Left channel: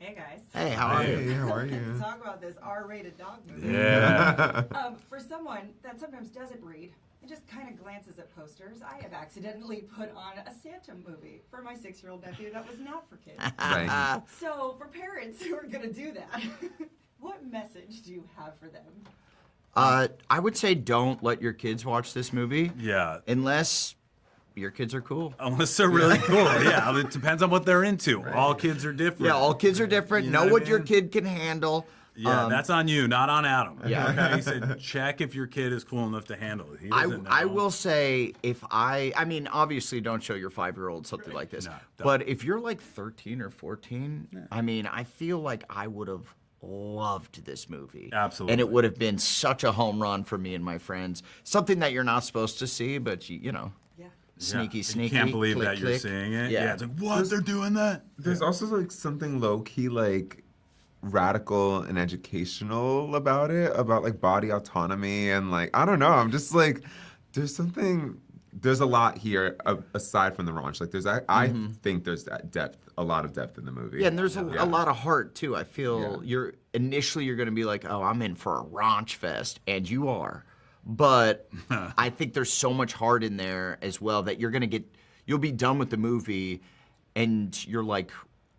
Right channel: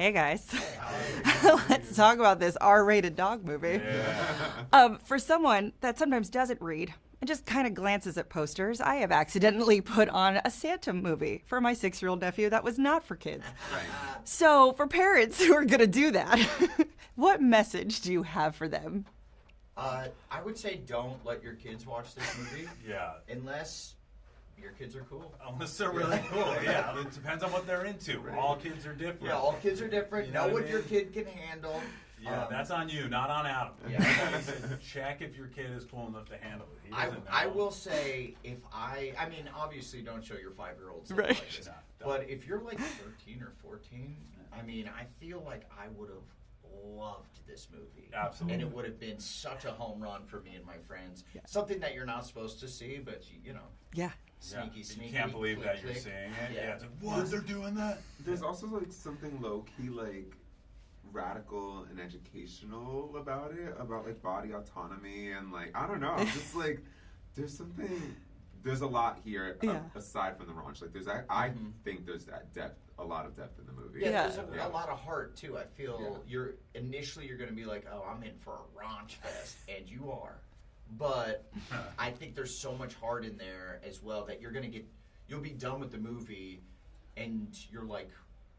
Hey guys. Hey, how are you? Let's talk about this R-rated dog movie. Yeah. For someone that sometimes doesn't read and just kind of glances at posters, I have accidentally put on a Santa movie for my 6-year-old nephew that was not for kids. Right. So for parents who are going to do that, what message do you have for them? I would say don't let your kids watch this movie. Yeah. Unless your kids are cool. Unless they're really cool. Yeah, it depends on what they're into. Right. All kids are different. Yeah, all kids are different. You know know what I your mean? kid can handle. Yeah, that's on you, not on Adam. Yeah. Like how you said, check if your kid is cool enough to handle it. He doesn't know. I will say, if I mean, obviously don't show your 5-year-old something like this. No, but if you're like 13 or 14, I mean, I feel like I would have loved this movie. Absolutely. And it would have been such a home run for me and my friends. Something that you're not supposed to see, but you know. Yeah. Sneaky. You can't believe click, that you're click. seeing it. Yeah. It's like, what? They're doing that? There's also like something low-key like radical and educational about it, about like body autonomy and like, I don't know, I'm just like, there's a lot here aside from the raunch. Like I think there's that depth, a lot of depth in the movie. Yeah, and there's a lot of heart too. I feel you're going to be like, oh, I'm in for a raunch fest, and you are. But I think there's so much heart in there as well that you'll be done with the movie, and you're like,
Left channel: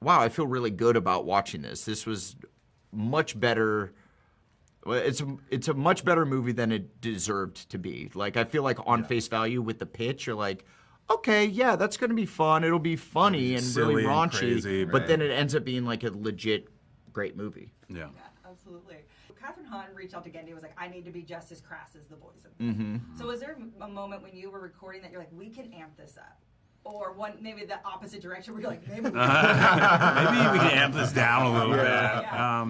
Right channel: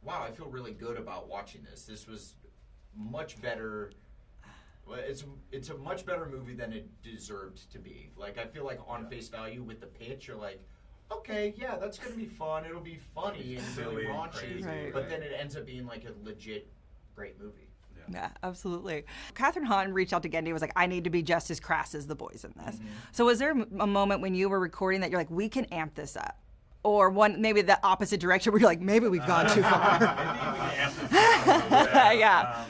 wow, I feel really good about watching this. This was much better. Well, it's a much better movie than it deserved to be. Like, I feel like on face value with the pitch, you're like, okay, yeah, that's going to be fun. It'll be funny and really raunchy. And crazy, but then it ends up being like a legit great movie. Yeah, absolutely. Catherine Hahn reached out to Gendy and was like, I need to be just as crass as the boys in this. So was there a moment when you were recording that you're like, we can amp this up? Or maybe the opposite direction where you're like, maybe we can. Maybe we can amp this down a little bit. Yeah.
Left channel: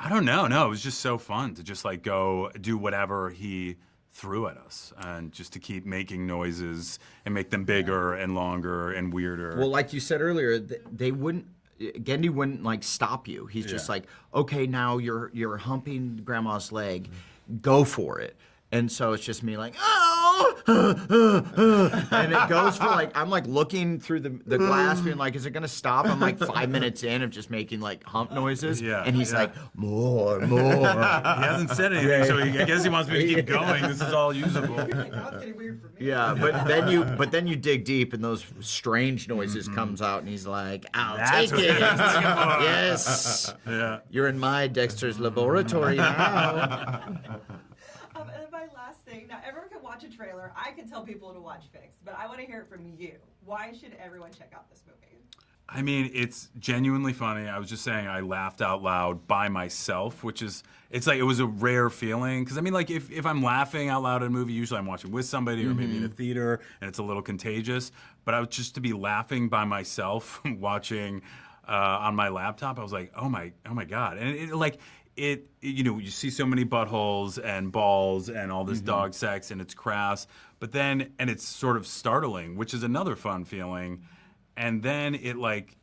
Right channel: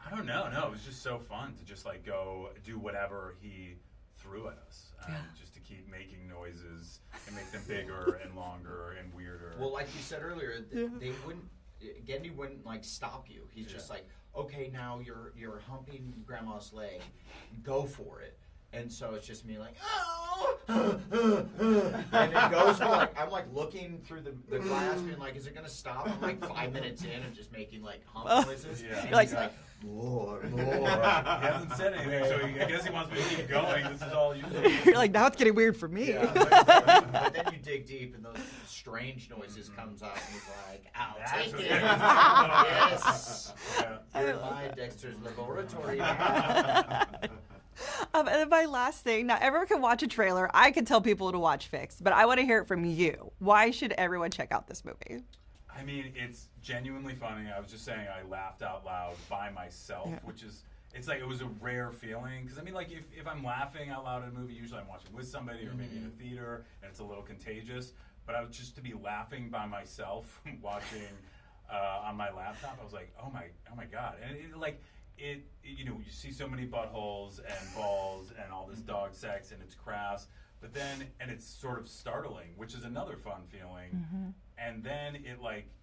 I don't know. No, it was just so fun to just like go do whatever he threw at us, and just to keep making noises and make them bigger and longer and weirder. Well, like you said earlier, Gendy wouldn't like stop you. He's just like, okay, now you're humping grandma's leg, go for it. And so it's just me like, oh, and it goes for like, I'm like looking through the glass being like, is it gonna stop? I'm like 5 minutes in of just making like hump noises. Yeah. And he's like, more. He hasn't said anything, so I guess he wants me to keep going. This is all usable. You're like, now it's getting weird for me. Yeah, but then you dig deep and those strange noises comes out and he's like, I'll That's take it. Yes. Yeah. You're in my Dexter's laboratory now. And then my last thing, now everyone can watch a trailer. I can tell people to watch Fixed, but I want to hear it from you. Why should everyone check out this movie? I mean, it's genuinely funny. I was just saying I laughed out loud by myself, which is, it's like, it was a rare feeling. Because I mean, like, if I'm laughing out loud in a movie, usually I'm watching with somebody or maybe in a theater, and it's a little contagious. But I was just to be laughing by myself watching on my laptop, I was like, oh my God. And you know, you see so many buttholes and balls and all this dog sex, and it's crass, but then, and it's sort of startling, which is another fun feeling. And then it's like,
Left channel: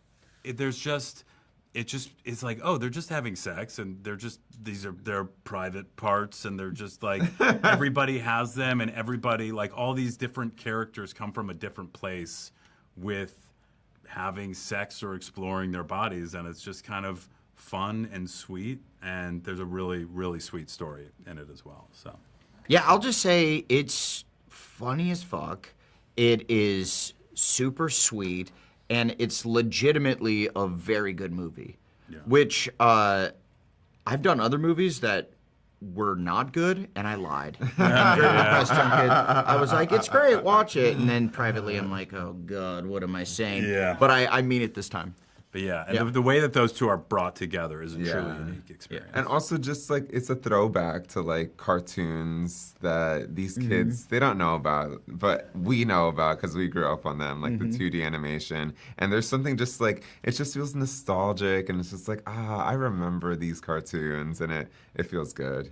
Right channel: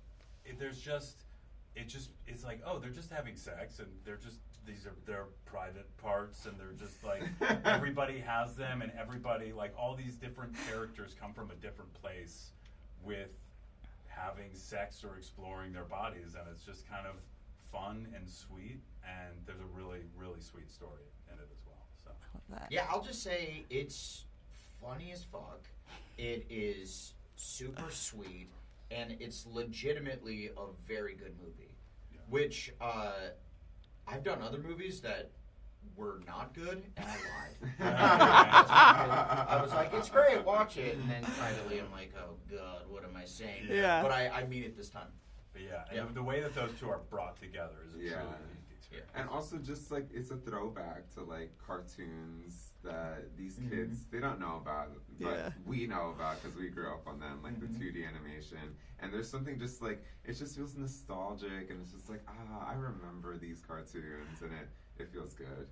oh, they're just having sex, and these are their private parts, and they're just like, everybody has them, and everybody, like, all these different characters come from a different place with having sex or exploring their bodies, and it's just kind of fun and sweet, and there's a really, really sweet story in it as well. So Yeah, I'll just say it's funny as fuck. It is super sweet, and it's legitimately a very good movie. Yeah. Which I've done other movies that were not good, and I lied. I was like, it's great, watch it. And then privately I'm like, oh God, what am I saying? Yeah. But I mean it this time. But yeah, and the way that those two are brought together is a truly unique experience. And also just like, it's a throwback to like cartoons that these kids, they don't know about, but we know about because we grew up on them, like the 2D animation. And there's something just like, it just feels nostalgic, and it's just like, I remember these cartoons, and it feels good.